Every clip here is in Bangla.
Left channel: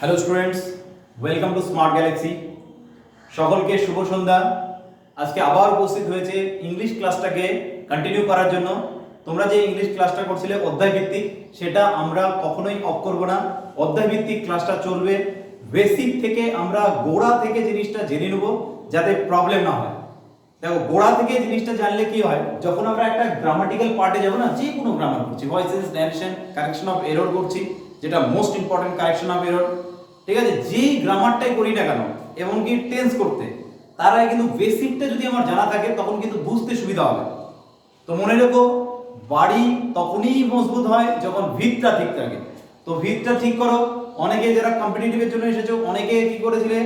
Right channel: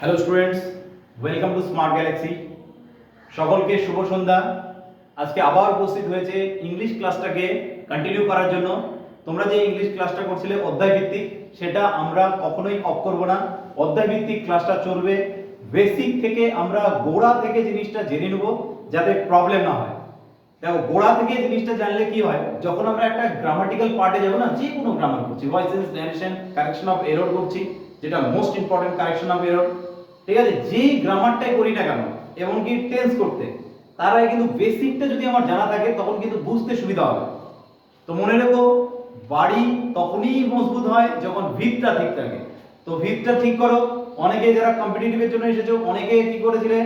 Hello students welcome to Smart Galaxy সকলকে শুভ সন্ধ্যা। আজকে আবার উপস্থিত হয়েছে ইংলিশ ক্লাসটাকে কন্টিনিউ করার জন্য। তোমরা যে ইংলিশ ক্লাসটা করছিলে অধ্যায় ভিত্তিক সেটা আমরা কখনোই অফ করব না। অধ্যায় ভিত্তিক ক্লাসটা চলবে। বেসিক থেকে আমরা গোড়া থেকে জিনিসটা জেনে নেব, যাতে প্রবলেম না হয়। দেখো, গোড়া থেকে জিনিসটা জানলে কি হয়? যখন আমরা একটা গ্রামাটিক্যাল পার্টে যাব না যে কোনো গ্রামার করছি। Voices narration correction of error করছি, যেটা most important correction of error ঠিক আছে? যেই গ্রামারটাই করি না কেন, এবং কি টেন্স করতে, তার আগে কিন্তু বেসিকটা যদি আমার জানা থাকে, তখন কিন্তু বুঝতে সুবিধা হবে। তো মনে রেখো, বাড়ি তখনই মজবুত হয় যখন ভিতটা ঠিক থাকে। তো ভিতটা ঠিক করো। অনেকে যারা কম্পিটিটিভের জন্য এসেছ, অনেকে কি করেছিলে?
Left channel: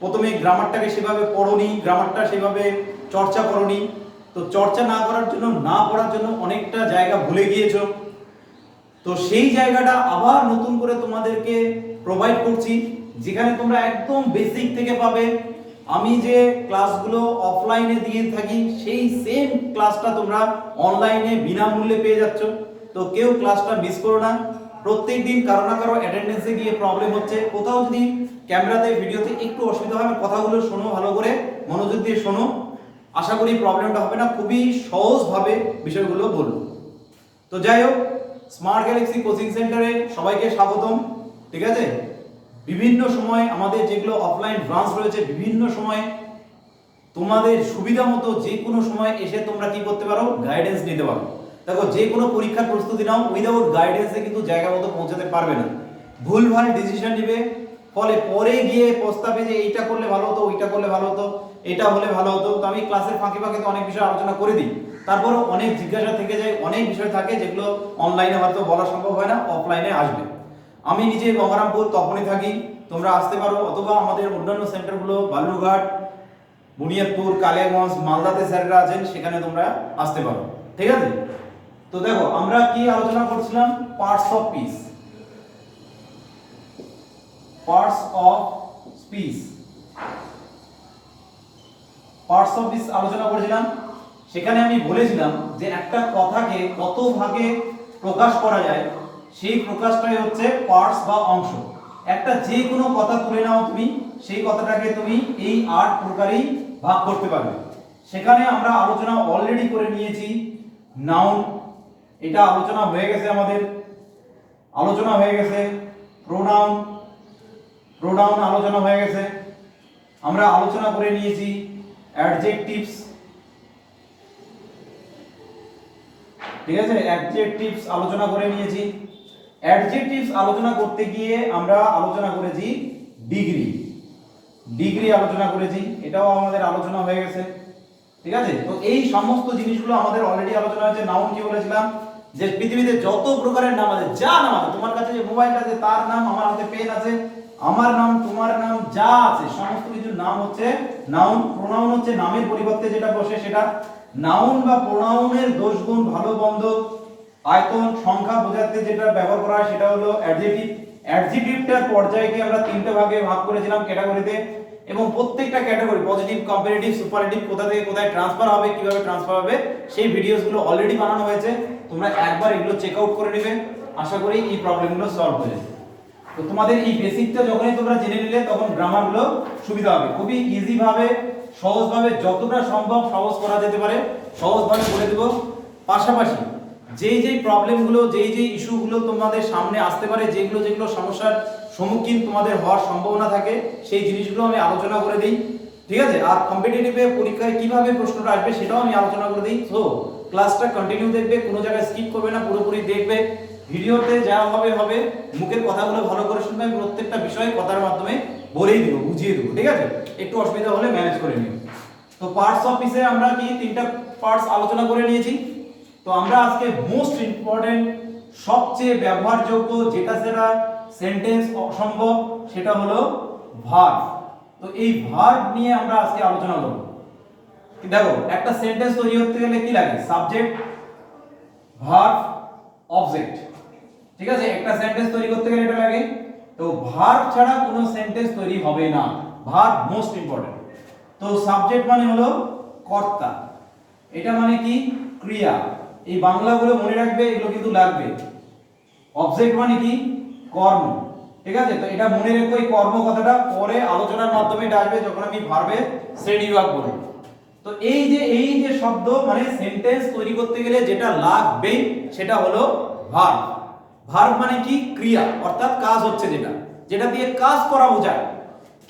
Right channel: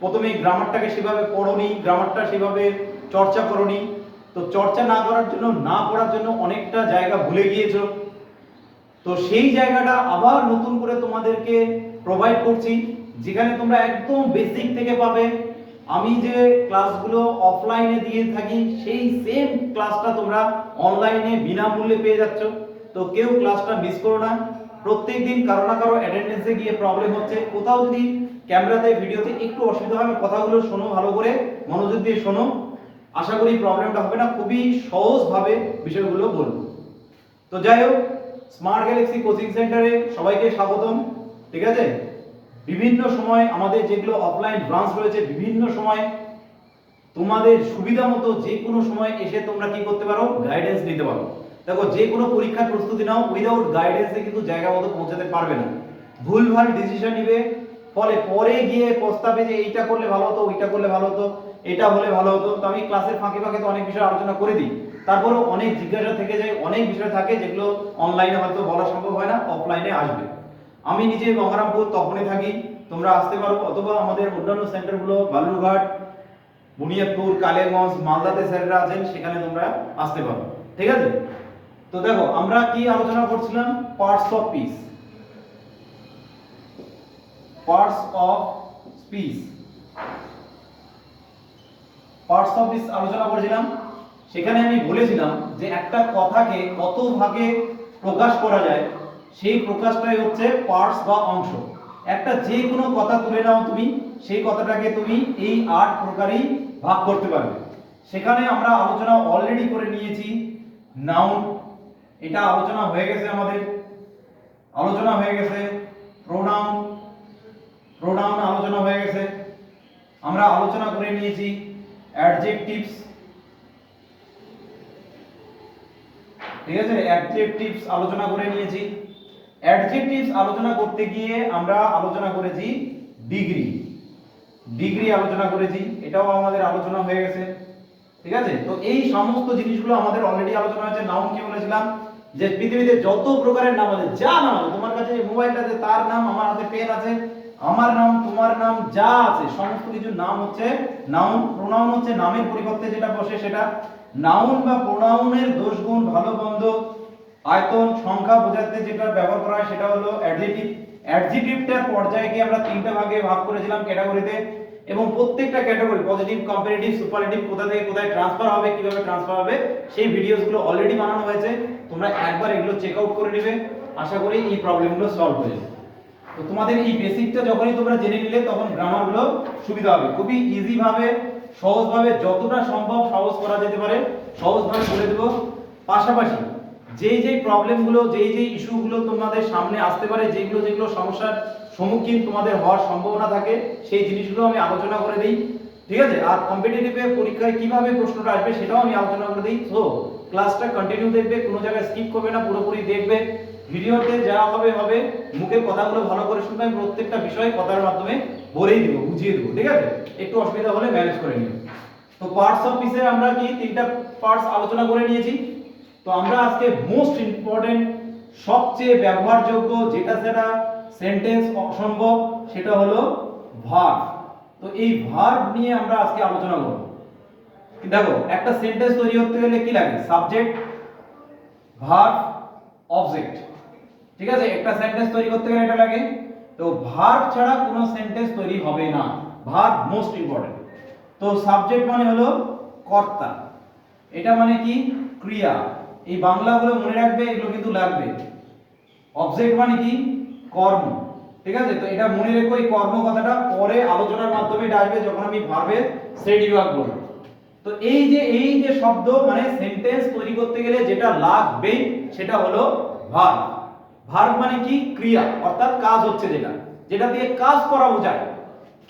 প্রথমে গ্রামারটাকে সেভাবে পড়োনি গ্রামারটা সেভাবে চর্চা করোনি। তো চর্চা না করার জন্য, না পড়ার জন্য অনেকটা জায়গা ভুলে গিয়েছো। তো সেই জায়গাটা আবার নতুন করে তোমাদেরকে প্রোভাইড করছি, যেখানে তোমরা একদম বেসিক থেকে পাবে। আমি যে ক্লাসগুলো অফলাইনে দিয়ে থাকি, সেই সেম ক্লাসটা তোমরা অনলাইনে বিনামূল্যে পেয়ে যাচ্ছ। তো কেউ ক্লাসটা মিস করো না। প্রত্যেক দিন কারও না কারও অ্যাটেন্ডেন্সে গিয়ে প্রবলেম হচ্ছে। কোথাও যদি ক্যামেরাতে, ভিডিওতে একটু অসুবিধা হয় কথাগুলো শোনো ভালো করে, মনোযোগ দিয়ে শোনো। আশা করি প্রবলেমটা হবে না। খুবই সহজভাবে বিষয়গুলো বলব। তো যাই হোক স্মার্ট গ্যালাক্সি কোচিং সেন্টারে সবাইকে স্বাগতম। ঠিক আছে? বিভিন্ন সময় আমাদের যেগুলো অফলাইন ব্রাঞ্চ রয়েছে, বিভিন্ন সময় তোমাদের সুবিধা মতো যে কোনো সময় এসে তোমরা কি করতে পারো? গাইডেন্স নিতে পারো। দেখো, যে কোনো পরীক্ষার প্রস্তুতি নাও উইদাউট গাইডেন্সে কিন্তু জায়গা মতো পৌঁছাতে পারবে না। ভুলভাল ডিসিশন নিবে, ফলে পরে গিয়ে প্রস্তাবে যে এইটা করলে ভালো হতো, ওইটা করলে ভালো হতো, এটা হলে ভালো হতো, তো আমি ক্লাসের ফাঁকে ফাঁকে তো অনেক বিষয় আলোচনা করে দিই। তারপরেও অনেক জিজ্ঞাসা থেকে যায়, অনেক বিষয় থাকে যেগুলো অনলাইনে হয়তো বলা সম্ভব হয় না অফলাইনে আসবে। আমি নিজে গঙ্গারামপুর তখনই থাকি। তোমরা আসতে পারো অথবা আমাদের অন্যান্য সেন্টারগুলো বালুরঘাট বুনিয়াদপুর কালিয়াগঞ্জ, মালদাতে স্যাররা আছেন, সেখানে তোমরা আসতে পারো। ঠিক আছে? তো দেখো, আমরা কি আলোচনা করছিলাম? Parts of speech parts of speech parts of speech আলোচনা করেছিলাম। সেখানে আমি বলেছিলাম যে একটা কথাকে কত ভাগে প্রকাশ করা যায় সেই প্রকাশটাই হচ্ছে পার্টস বা অংশ, একটা যে কোনো কথা তুলে নাও তুমি, সেই কথাটাকে তুমি এই আট প্রকারেই ভাগ করতে পারবে। সেখানে আমরা আলোচনা অলরেডি করে নিয়েছি। নাউন এটা আলোচনা হয়ে গেছে আমাদের। আলোচনা হয়ে গেছে। প্রোনাউন প্রোনাউন আলোচনা হয়ে গেছে। আমরা আলোচনা করে নিয়েছি। অ্যাডজেক্টিভস ঠিক আছে? অ্যাডজেক্টিভস আলোচনা করে নিয়েছি। অ্যাডজেক্টিভস আলোচনা করতে গিয়ে আমরা আলোচনা করেছি ডিগ্রি। ডিগ্রি আলোচনা করেছি, এটাও আমাদের আলোচনা হয়ে গেছে, ঠিক আছে? তো এই সমস্ত জিনিসগুলো আমাদের অলরেডি আলোচনা হয়েছে। নাউন কি বলেছিলাম? যে পৃথিবীতে যত প্রকারের নাম আছে, যা নাম আছে, তোমার কাছে যে মোবাইল আছে, তার নাম আমার হাতে পেন আছে, আমার নাম, তোমার নাম যা আছে, সমস্ত কিছু নাম হচ্ছে নাউন প্রোনাউন হচ্ছে নামের পরিবর্তে যেটা বসে সেটা। নাউন বা প্রোনাউনের দোষ গুণ ভালো বন্ধ আয়তন সংখ্যা বোঝাতে যেটা ব্যবহার করা হয় সেটা হলো অ্যাডজেক্টিভ। অ্যাডজেক্টিভটার পর্যায়কে আমরা তিনটা ভাগে ভাগ করেছিলাম ক্যাটাগরিতে এবং প্রত্যেকটা ক্যাটাগরি পজিটিভ কম্পারেটিভ সুপারলেটিভ কোথা থেকে কোথায় ট্রান্সফার হবে, কীভাবে ট্রান্সফার হবে, সেই ভিডিওসগুলো অলরেডি বানানো হয়েছে। তোমরা একবার এগুলো চেক আউট করে নেবে। আশা করি এই প্রবলেমগুলো সলভ হয়ে যাবে। তো তোমাদের এই বেসিকটা যখনই তোমরা জেনে নিলে, তখন গ্রামারগুলো সুবিধা হবে। খুবই ইজি ভাবে সহজভাবে, যতটা সম্ভব সহজ করা যেতে পারে। সহজভাবে বলে দেব। পাশাপাশি যেই যেই প্রবলেমগুলো যেই যেই ইস্যুগুলো তোমাদের সামনে আসতে পারে, যেগুলো যেগুলো সমস্যার সম্মুখীন তোমাদের হওয়ার সম্ভাবনা থাকে, সেই জিনিসগুলো আমি আলোচনা করে দিই, ঠিক আছে? আর কম্পিটিটিভে পরীক্ষায় কীভাবে প্রশ্নটা আসবে সেটাও আমি আলোচনা করে দিই। তো ক্লাসটা কন্টিনিউ দেখবে, কোনো জায়গায় স্কিপ করবে না, পুরোপুরি দেখবে। ভিডিওতে যা হবে হবে, মুখের কথাগুলো ভালো করে শুনবে, আমি প্রত্যেকটা বিষয়ে কথার মাধ্যমে বলেই দেবো, বুঝিয়ে দেবো, ঠিক আছে? একটু অসুবিধা হলে ম্যানেজ করে নিও। তো পার্টস অফিসে আমরা কি তিনটা পার্টস আলোচনা করে নিয়েছি। তো আমরা আজকে মোস্ট ইম্পর্টেন্ট সবচেয়ে ব্যবহারযোগ্য যেটা সেটা সেন্টেন্স অসম্ভব, সেটা হলো ভার্ব তো এই ভার্ব নিয়ে আমরা আজকে আলোচনা করব। দেখো, একটা সেন্টেন্স তৈরি করতে গেলে কি লাগে? সাবজেক্ট ভার্ব অবজেক্ট ঠিক আছে? একটা সেন্টেন্স তৈরি করতে গেলে এটা লাগে। তো ভার্ব ছাড়া কোনো সেন্টেন্স তৈরি হবে না। ভার্ব মোস্ট ইম্পর্টেন্ট তো সাবজেক্ট মানে হলো কর্তা। এটা মানে কি? ক্রিয়া। এই বাংলাগুলো মনে রাখবে, এগুলো কিন্তু লাগবে। অবজেক্ট মানে কি? কর্ম। ঠিক আছে? তো এটা মনে রেখো এই কর্ম কথাটা পরে আলোচনার মাধ্যমে এটা আসবে যখন আমি ভার্বের শ্রেণি বিভাগ বলব তো এই যে এই যে শব্দ মানে সেন্টেন্স তৈরি করতে গেলে যেটা লাগবেই, সেটা হলো ভার্ব ভার্ব মানে কি? ক্রিয়া, অর্থাৎ কাজ হচ্ছে যেটা। যেটা দিয়ে কাজ করা বোঝায়।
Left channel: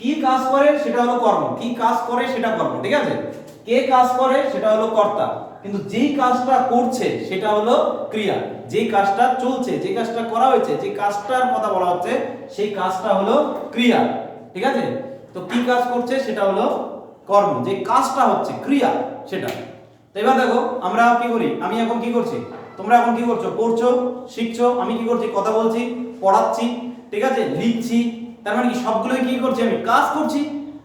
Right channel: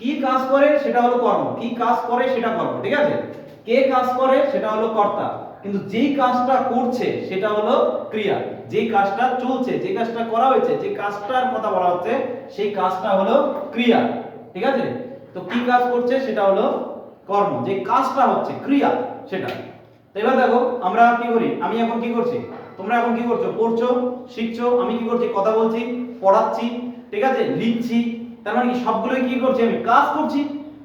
কি কাজ করে সেটা হলো কর্ম। কি কাজ করে সেটা কর্ম, ঠিক আছে? কে কাজ করে সেটা হলো কর্তা। কিন্তু যেই কাজটা করছে সেটা হলো ক্রিয়া। যেই কাজটা চলছে, যে কাজটা করা হয়েছে, যে কাজটার কথা বলা হচ্ছে, সেই কাজটা হলো ক্রিয়া, ঠিক আছে? তো কি কাজ করছে সেটা হলো কর্ম। যে কাজটা হচ্ছে, ক্রিয়া সেটা। তো এবার দেখো, আমরা কি করি? আমি এখন কি করছি? তোমরা এখন কি করছ? পড়ছো, শিখছো, আমি কি করছি? কথা বলছি, পড়াচ্ছি, ঠিক আছে? লিখছি তার মানে কি সবগুলোই কি করছি আমি? কাজ করছি।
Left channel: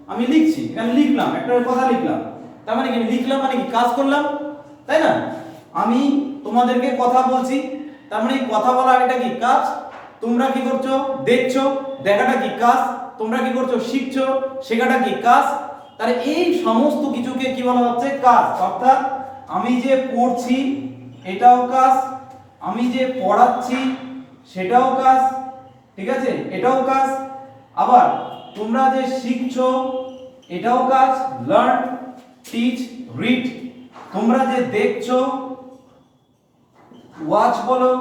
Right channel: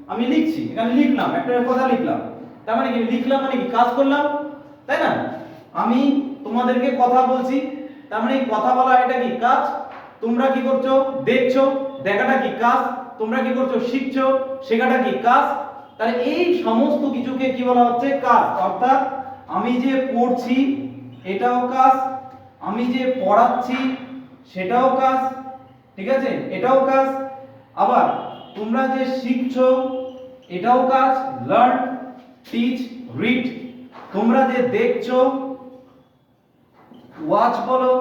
আমি লিখছি, এখানে লিখলাম, একটা কথা লিখলাম। তার মানে কি, আমি লিখলাম মানে কি, কাজ করলাম? তাই না? আমি তোমাদেরকে কথা বলছি। তার মানে কথা বলা এটা কি, কাজ? তোমরা কি করছ? দেখছ? দেখাটা কি, কাজ? তোমরা কি করছ? শিখছো? শেখাটা কি, কাজ? তাহলে এই সমস্ত কিছুকে কি বলা হচ্ছে, কাজ। অর্থাৎ আমি যে পড়ছি, এটাও কাজ। আমি যে পড়াচ্ছি, সেটাও কাজ। ঠিক আছে? এটাও কাজ। আবার তোমরা যে শিখছো, এটাও কাজ লার্ন টিচ রিড তোমরা যে দেখছ ওয়াচ বলো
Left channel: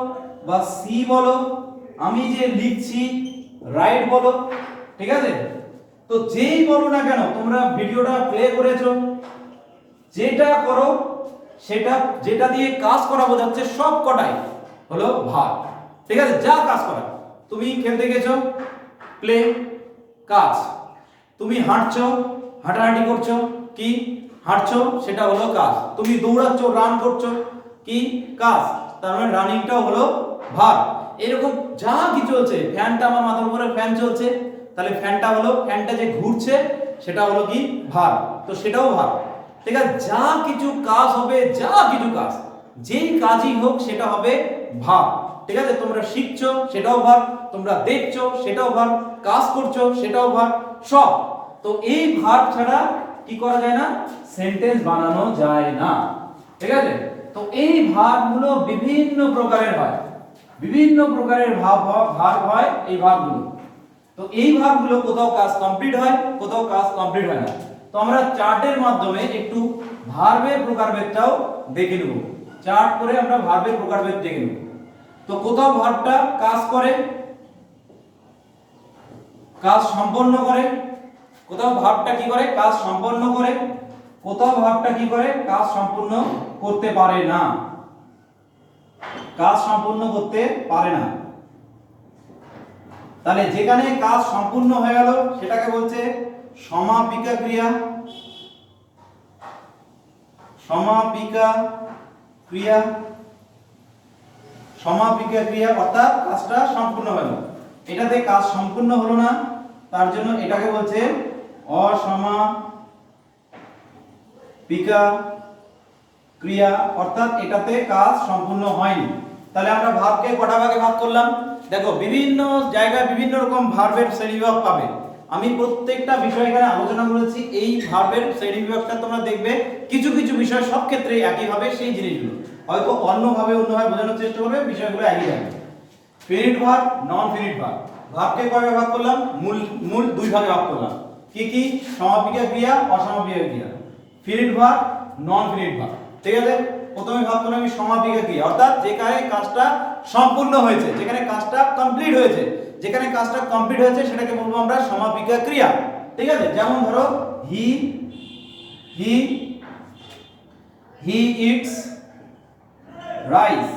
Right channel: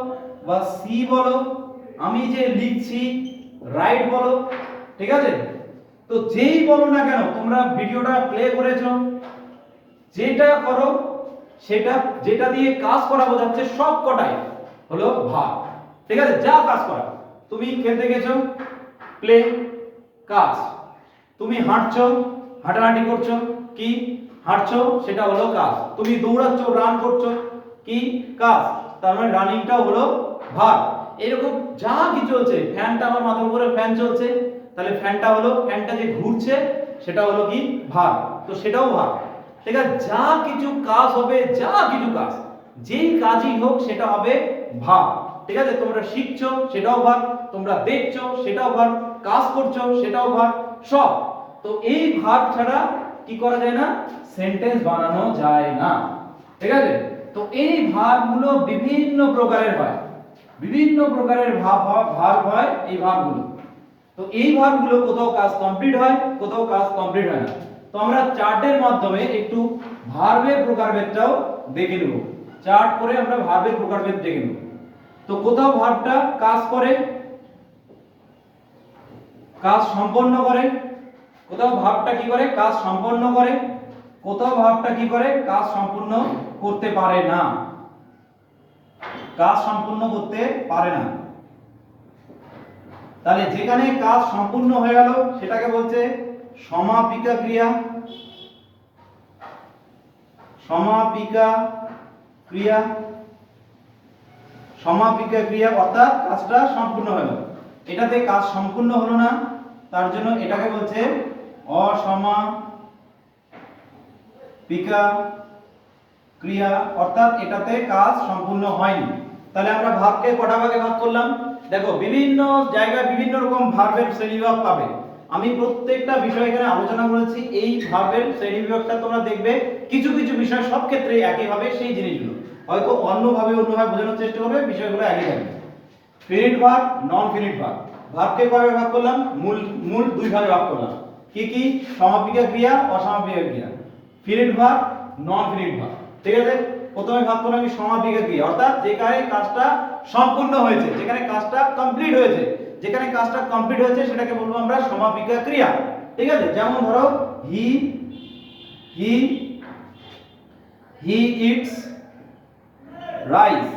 বা সি বলো, আমি যে লিখছি রাইট বলো, ঠিক আছে? তো যেই বলো না কেন, তোমরা ভিডিওটা প্লে করেছ, যেটা করো, সেটা, যেটা দিয়ে কাজ করা বোঝাচ্ছে সব কটাই হলো ভাব ঠিক আছে? যা কাজ করা। তুমি খেলতে গেছো প্লে কাজ। তুমি হাঁটছো, হাঁটাহাঁটি করছ, কি হাঁটছো, সেটা হলো কাজ। তুমি দৌড়াচ্ছ, রান করছ, কি কাজ? তার মানে রানিংটাও হলো ভার। এরকম যা কিছু হচ্ছে ফ্যানটা আমার মাথার উপরে ফ্যান চলছে, তাহলে ফ্যানটা হলো, ফ্যানটা যে ঘুরছে, সেটা হলো কি ভার। তো সেটাও ভার। ঠিক আছে, যা কিছু কাজ হবে, যা কিছু কাজ, যেই কাজই হোক, সেটা হবে ভাব ঠিক আছে, তোমরা শিখছো, সেটাও ভাব তোমরা দেখছ, সেটাও ভাব কাজ করছ, সেটাও ভাব সব। তো এই ভাব ছাড়া কি করা যায় না? সেন্টেন্স বানানো যায় না। ঠিক আছে? তো এই ভাবগুলো বিভিন্ন প্রকারের হয়। বিভিন্ন প্রকারের ভাব ভাব হয় এই ভাবগুলো তো এই ভাবগুলো কোথাও কাজ কমপ্লিট হয়, কোথাও কাজ কমপ্লিট হয় না। তো আমরা চার্টের মাধ্যমে একটু ভার্বের প্রকারভেদটাও দেখে নেব। চার্ট করে আমরা ভার্বের প্রকারভেদ দেখে নেব। তো কোথাও ভার্বটা কাজ করে কাজ সম্পন্ন করে, কোথাও ভাবটা কি করে? কাজ সম্পন্ন করে, কোথাও ভাবটা কি করে? কাজ সম্পূর্ণ করতে পারে না। কাজ সম্পূর্ণ করতে পারে না। তাহলে যেখানে কাজ সম্পূর্ণ হয়ে গেল, সেটাকে বলছে সমাপিকা ক্রিয়া। সমাপিকা ক্রিয়া। সমাপিকা ক্রিয়া অর্থাৎ কাজটা সম্পূর্ণ হলো এটাতে কাজ সম্পূর্ণ হলো না। তার জন্য এটাকে বলছে অসমাপিকা ক্রিয়া, অর্থাৎ এটাতে কাজ সম্পূর্ণ হয়নি। তাহলে আমরা ভাবকে কটা ভাগে ভাগ করলাম? দেখো, বিভিন্ন জায়গায় বিভিন্ন রকম ভার্বের শ্রেণীবিভাগ পাবে। আমি প্রত্যেকটা বিষয় এখানে আলোচনা করেছি, এই ভার্বের শ্রেণীবিভাগটা তোমরা দেখবে, কিছু কিছু বিষয় সব ক্ষেত্রে একই হবে সেই জিনিসগুলো। হয়তো অন্যভাবে অন্যভাবে বোঝানোর চেষ্টা করবে, বিষয়গুলো একই থাকবে। ফিনিট ভার্ব নন ফিনিট ভার্ব ভার্বকে কয় ভাগ করলাম? মূল মূল দুই ভাগে ভাগ করলাম। কি কি? সমাপিকা ক্রিয়া অসমাপিকা ক্রিয়া। ফিনিট ভাগ নন ফিনিট ভাগ। ঠিক আছে? প্রথমে ভাগ করলাম আমি সমাপিকা ক্রিয়া। অর্থাৎ যেখানে কাজটা সম্পূর্ণ হয়েছে, যেখানে কাজটা কমপ্লিট হয়েছে, যেখানে কাজটা কমপ্লিট হয়েছে, সেটাকে বলব আমরা সমাপিকা ক্রিয়া। ঠিক আছে? যেমন ধরো হি হি হি ইটস রাইস